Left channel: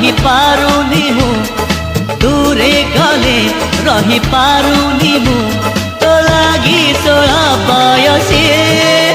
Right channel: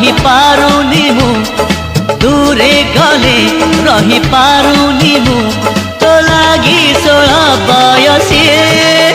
रही पारुनी मु दूरे गले रही पारुनी मु तो लागी 16 बयसी